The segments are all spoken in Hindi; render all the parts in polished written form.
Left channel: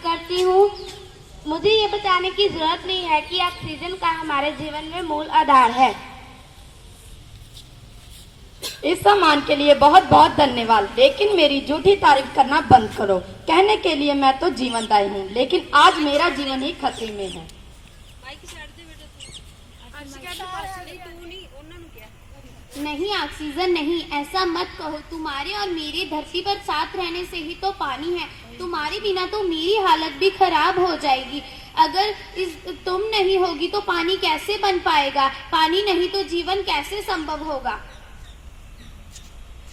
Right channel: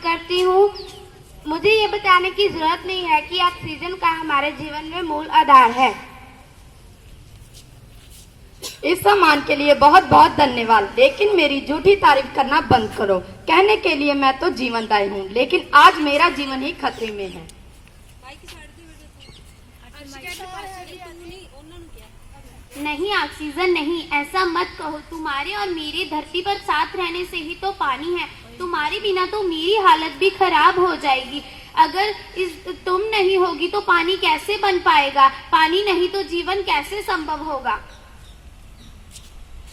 करती हूँ। मुझे ये बताने की जरूरत नहीं है कि ऑक्सीजन का हमारे जीवन में मूल आधार है। इस सम्मान के लिए बहुत बहुत धन्यवाद, लेकिन मेरी झूठी तारीफ करना बंद करो। कहने के लिए मैं तो जीवंत आई हूँ, लेकिन आज मेरा जीवन ही खतरे में है। नहीं ऑक्सीजन नहीं, ऐसा मत कहो। तुम्हारे और मेरे धरती पर साथ रहने से ही तो पानी है। तुम्हारे बिना तो मेरी हालत भी खराब हो जाएगी। अगर तुम नहीं होगी तो पानी कैसे बन पाएगा? पानी नहीं तो जीवन कैसे संभव होगा?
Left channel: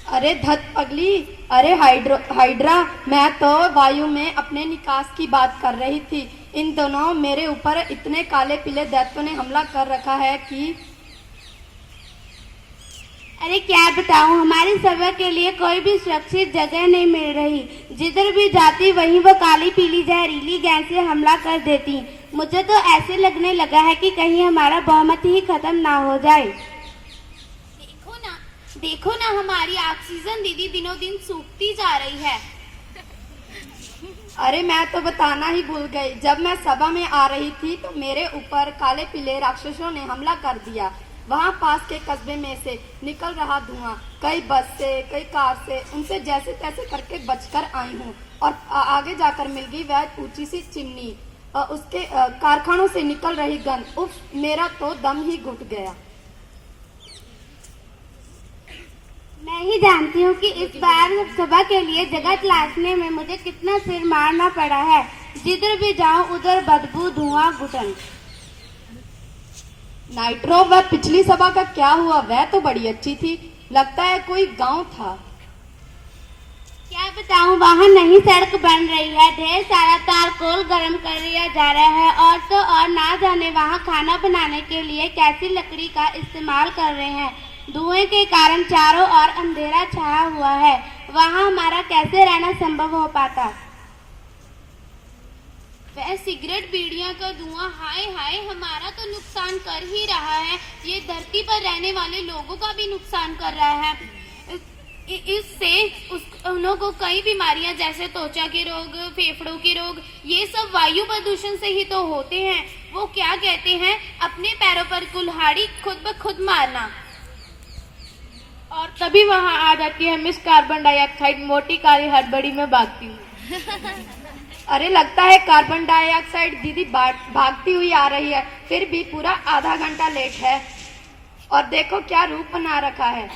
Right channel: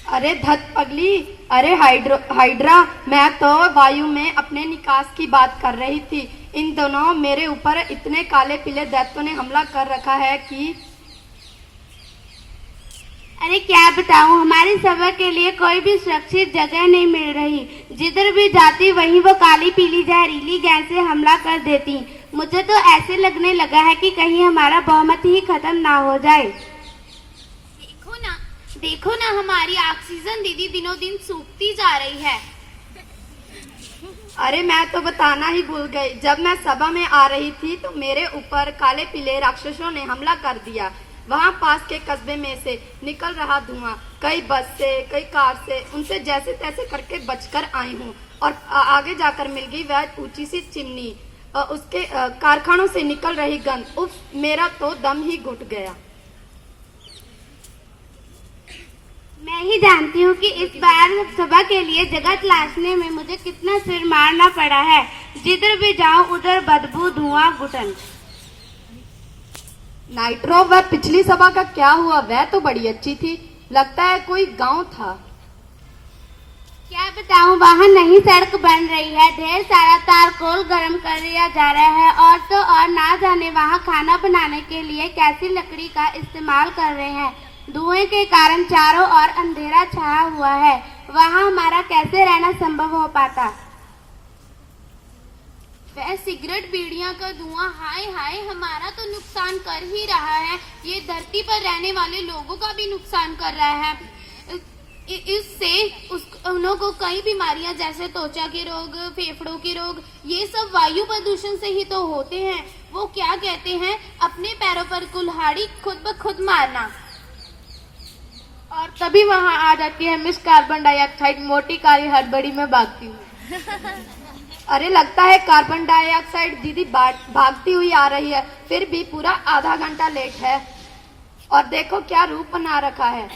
अरे धत पगली, अरे हाइड्रा, मैं तो वायु में अपने निकास की बात कर रही थी। इन दोनों मेरे ऊपर इतने काले पीले दैत्यों ने हमला कर रखा है कि अरे क्या बताऊं, हमारी सभा के लिए कोई भी सुरक्षित जगह नहीं मिल रही। जिधर भी जाती वहीं वो काली पीली जहरीली गैस से हमला कर देती। मुझे तो ऐसे लगने लगा है कि कहीं हमारा बहुमत ही खत्म ना हो जाए। देखो ना हमारी ऑक्सीजन दीदी दिनों दिन सूखती जा रही है। अरे मैं तो बताना ही भूल गई, जब मैं सभा में आ रही थी तो मेरे ऊपर काले पीले राक्षसों ने हमला कर दिया। वहाँ पास के कस्बे में से निकल रहा धुआं, कई बस से कई कार से, उनसे जैसे तैसे करके बचकर आई हूँ। और आगे जाकर मिल गई वह ऊंची सी चिमनी, उसके कारखानों से निकल रही गंध। उफ, मेरा तो दम ही घुट गया। मैं ही जानती हूँ कि इस बार सभा के लिए जगह तलाशने में मुझे कितना सिर मारना पड़ा है। जिधर भी जाऊँ उधर बदबू, धुआं, घुटन। नाइट्रो, वह पिछली सभा का क्या हुआ? वह तो बड़ी अच्छी थी, लगता है कोई गांव था। क्या बताऊं, वहाँ नई सड़क बन रही है, ढेर सारा तारकोल गर्म कर दिया जा रहा है, और तो और ना जाने वहाँ खाना बनाने के लिए कैसी लकड़ी का इस्तेमाल कर रहे हैं। धुएं के कारण चारों ओर अंधेरा छाया हुआ है। वहाँ हमारा कैसे रहना संभव हो पाता? वह सिगरेट बीड़ियों का धुआं, हाय हाय, हमारा तो नुकसान कर ही रहा है। ये धरती पर रहने वाले लोगों का भी नुकसान कर रहा है। इससे उन्हों को कई बीमारियां जैसे त्वचा के रोग, फेफड़ों के रोग, ये सब वायु प्रदूषण से ही तो होते हैं। वो क्या कहते हैं, अपने पैरों पर कुल्हाड़ी खुद ब खुद मारना। और तभी वहाँ आ जाती है मिस कार्बन डाइऑक्साइड, मोटी काली हड़बड़ी में भागती हूँ। अरे लगता है कार्बन डाइऑक्साइड दीदी भागती हुई आ रही है, फिर भी पूरा आधा घंटा लेट है। और देखो क्या रूप बना रखा है।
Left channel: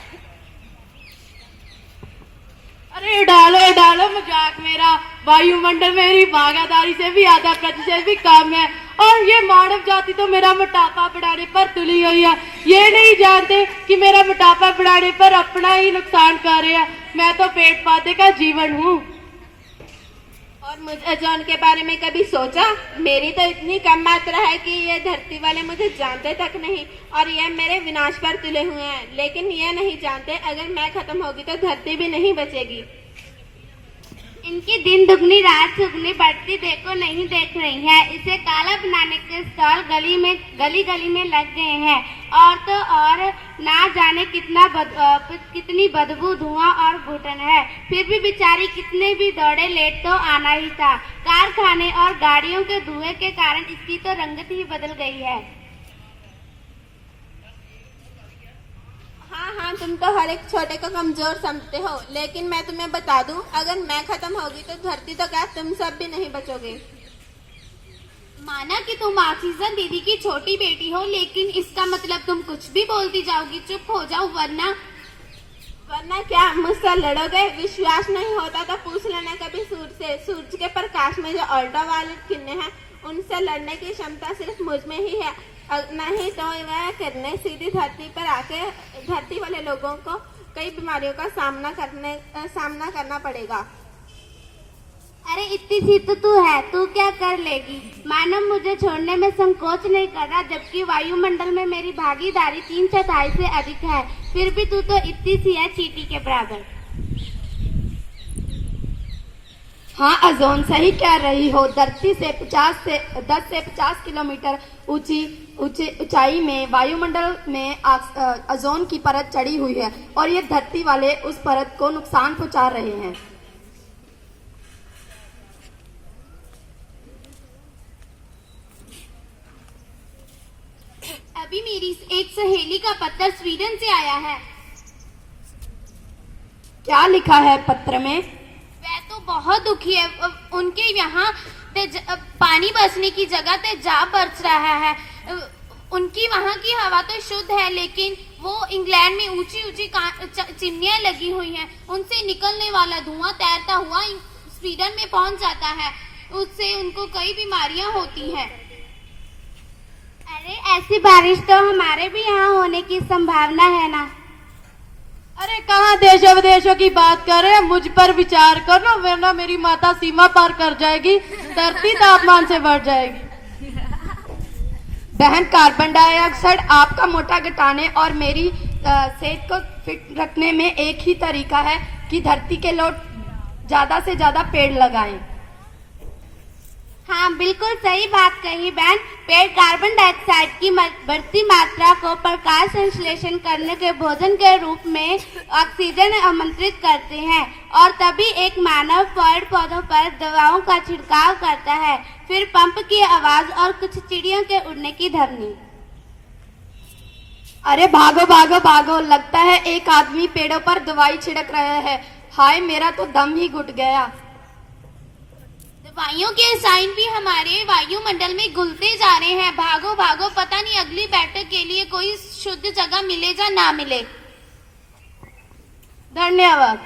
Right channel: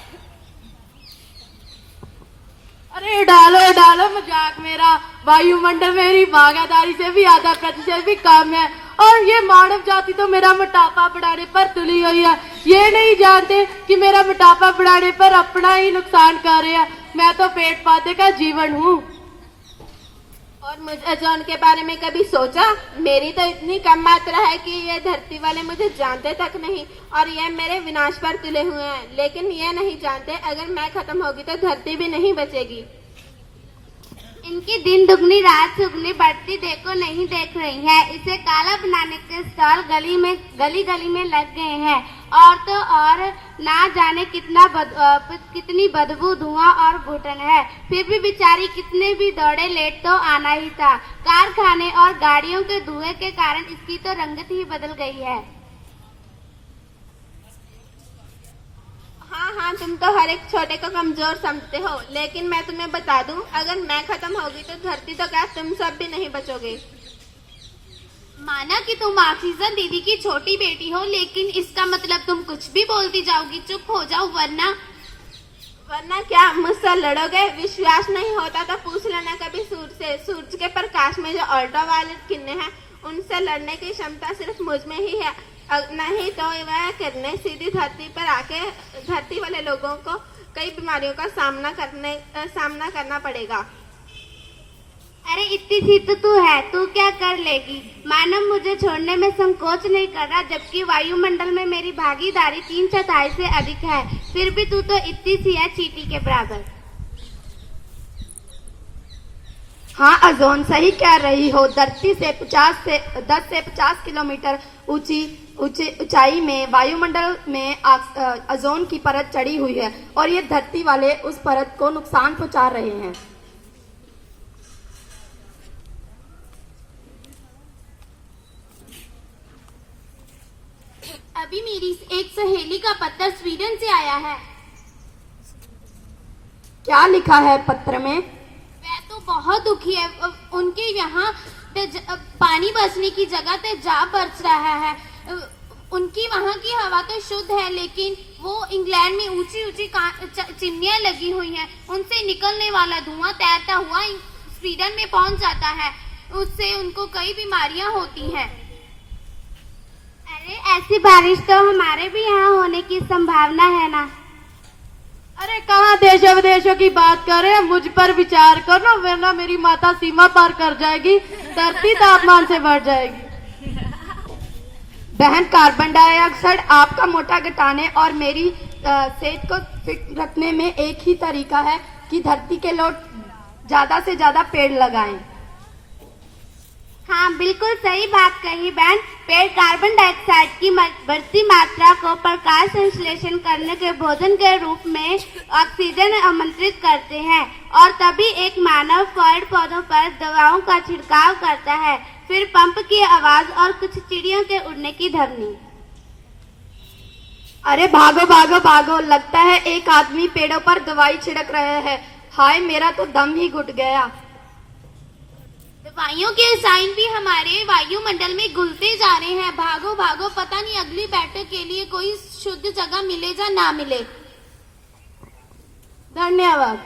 अरे डालो मजाक मेरा। वायुमंडल मेरी भागीदारी से भी आधा कद से भी कम है, और ये मानव जाति तो मेरा मोटापा बढ़ाने पर तुली हुई है। ये नहीं जानते कि मेरा मोटापा बढ़ाने पर अपना ही नुकसान कर रहे हैं। मैं तो पेड़ पौधे का जीवन हूँ। और मुझे जॉन के बारे में कभी सोचा? मेरी तो इतनी कम मात्रा है कि ये धरती वाले मुझे जानते तक नहीं, और ये मेरे विनाश पर तुले हुए हैं। लेकिन ये नहीं जानते अगर मैं खत्म होगी तो धरती भी नहीं बचेगी। इनकी दिन दुगनी रात सुगनी बढ़ती देखो नहीं देख रही है। इसे काला बनाने के स्टॉल गली गली में लग गए हैं, और तो और ना जाने कितनी बदबू, धुआं और घुटन है। फिर भी बेचारी कितने भी दौड़े, लेट तो आना ही था। कारखाने और गाड़ियों के धुएं के कारण इसकी तो रंगत ही बदल गई है। हाँ, तुम तो हर एक छोटे को कमजोर समझते हो, लेकिन मैं तुम्हें बता दूं, अगर मैं खत्म होगी तो धरती तो क्या, तुम सब भी नहीं बचोगे। माना कि तुम ऑक्सीजन दीदी की छोटी बेटी हो, लेकिन इसका मतलब तुम कुछ भी बोलती जाओगी। चुप हो जाओ, वरना क्या मुझसे लड़ोगे? विश्वास नहीं होता तो पूछ लेना कभी सूरज से। सूरज के प्रकाश में जो अल्ट्रावायलेट किरणें हैं, उनसे लड़ने की क्षमता सिर्फ मुझ में ही है। नहीं तो वह किरणें सीधी धरती पर आके धरती वाले लोगों को कई बीमारियों का सामना करना पड़ेगा। अरे इतनी सी तो तू है, तू क्या कर लेगी? मानव मुझे छोड़ने में संकोच नहीं कर रहा, जबकि वायुमंडल में मेरी भागीदारी 3/4 से अधिक है। फिर भी तू तो इतनी सी है, चींटी के बराबर। हाँ अजोन, सही कह रही हो। धरती से 10 से 50 किलोमीटर ऊंचाई में वायुमंडल में ओजोन की परत चढ़ी हुई है, और ये धरती वाले उस परत को नुकसान पहुंचा रहे हैं। अभी मेरी एक सहेली का पत्र स्वीडन से आया है। क्या लिखा है पत्र में? वह तो बहुत दुखी है। उनके यहाँ पानी बरसने की जगह तेजाब बरस रहा है। उनकी वहाँ की हवा तो शुद्ध है, लेकिन वो इंग्लैंड में ऊंची ऊंची चिमनियां लगी हुई हैं। उनसे निकलने वाला धुआं तैरता हुआ स्वीडन में पहुंच जाता है। उससे उनको कई बीमारियां होती हैं। अरे ऐसी बारिश तो हमारे भी यहाँ होने की संभावना है ना। अरे कहाँ देशों विदेशों की बात करे, मुझ पर विचार करो, वरना मेरी माता सीमा पार कर जाएगी, धरती तापमान से बढ़ जाएगी। बहन, कार्बन डाइऑक्साइड आपका मोटा घटाने और मेरी सेहत को फिट रखने में एक ही तरीका है कि धरती के लोग ज्यादा से ज्यादा पेड़ लगाएं। हाँ, बिल्कुल सही बात कही बहन। पेड़ कार्बन डाइऑक्साइड की बढ़ती मात्रा को प्रकाश संश्लेषण करने के भोजन के रूप में ऑक्सीजन आमंत्रित करते हैं, और तभी एक मानव पेड़ पौधों पर दवाओं का छिड़काव करता है, फिर पंप की आवाज और कुछ चिड़ियों के उड़ने की ध्वनि। अरे भागो भागो भागो, लगता है एक आदमी पेड़ों पर दवाई छिड़क रहे हैं। हाय, मेरा तो दम ही घुट गया। दवाइयों के साइन भी हमारे वायुमंडल में घुलते जा रहे हैं। भागो भागो, पता नहीं अगली बैठक के लिए कोई शुद्ध जगह मिले या ना मिले। धन्यवाद।